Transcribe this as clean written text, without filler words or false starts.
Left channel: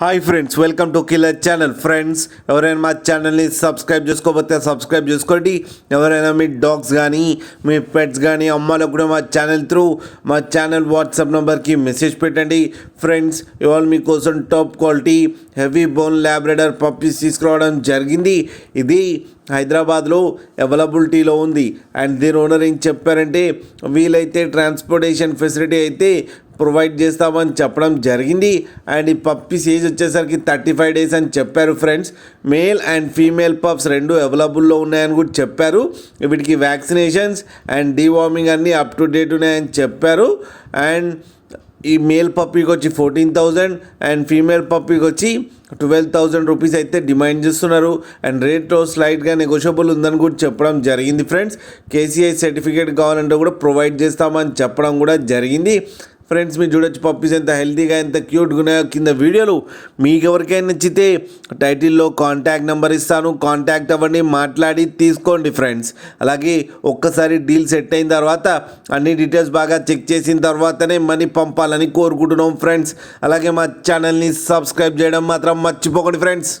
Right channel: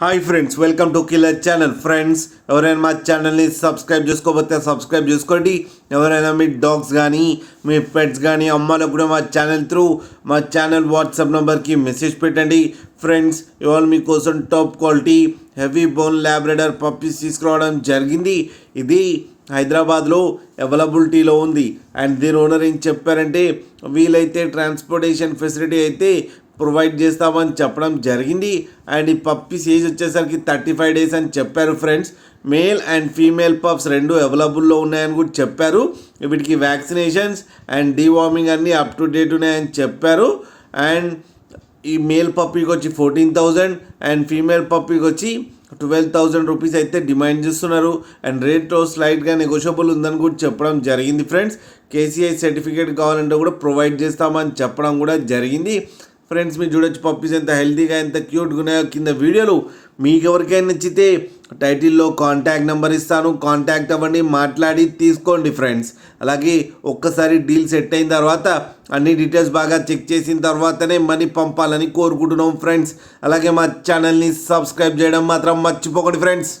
Hi friends, welcome to killer channel. Friends, ఎవరైనా మా ఛానల్ని సబ్స్క్రైబ్ చేసుకోకపోతే సబ్స్క్రైబ్ చేసుకోండి. ఎవరైనా మీ డాగ్స్ కానీ మీ పెట్స్ కానీ అమ్మాలకు కూడా మా ఛానల్ వాట్సాప్ నెంబర్కి మెసేజ్ పెట్టండి. ఫ్రెండ్స్, ఇవాళ మీకోసం top quality heavy bone Labrador puppies తీసుకురావడం జరిగింది. ఇది హైదరాబాద్లో అవైలబిలిటీలో ఉంది. అండ్ దీని ఓనర్ ఏం చెప్పారంటే, వీలైతే ట్రాన్స్పోర్టేషన్ ఫెసిలిటీ అయితే ప్రొవైడ్ చేస్తామని చెప్పడం జరిగింది. అండ్ ఈ పప్పీస్ ఏజ్ వచ్చేసరికి 35 days అని చెప్పారు. Friends, male and female pups రెండు అవైలబుల్లో ఉన్నాయని కూడా చెప్పారు. వీటికి వ్యాక్సినేషన్స్ అండ్ డీవార్మింగ్ అన్నీ అప్ టు డేట్ ఉన్నాయని చెప్పారు. అండ్ ఈ మేల్ పప్పీకి వచ్చి 14,000 అండ్ ఫీమేల్ పప్పీకి వచ్చి 12,000 రూపీస్ అయితే డిమాండ్ చేస్తున్నారు. అండ్ రేట్ స్లైట్గా నెగోషియబుల్ ఉందని కూడా చెప్పడం జరిగింది. ఫ్రెండ్స్, కేసీఐ సర్టిఫికేట్ కావాలంటే కూడా ప్రొవైడ్ చేస్తామని చెప్పడం కూడా జరిగింది. ఫ్రెండ్స్, మీరు చూడొచ్చు పప్పీస్ ఎంత హెల్తీగా ఎంత క్యూట్గా ఉన్నాయో. కింద వీడియోలు మీకు ఎవరికైనా నచ్చితే టైటిల్లో కాంటాక్ట్ నెంబర్ ఇస్తాను, కాంటాక్ట్ అవ్వండి, మాట్లాడి తీసుకోండి. ఫ్రెండ్స్, అలాగే ఒక్కసారి డీల్ సెట్ అయిన తర్వాత అన్ని డీటెయిల్స్ బాగా చెక్ చేసిన తర్వాతనే మనీ పంపాలని కోరుకుంటున్నాం. ఫ్రెండ్స్, అలాగే మా ఛానల్ని సబ్స్క్రైబ్ చేయడం మాత్రం మర్చిపోకండి. ఫ్రెండ్స్.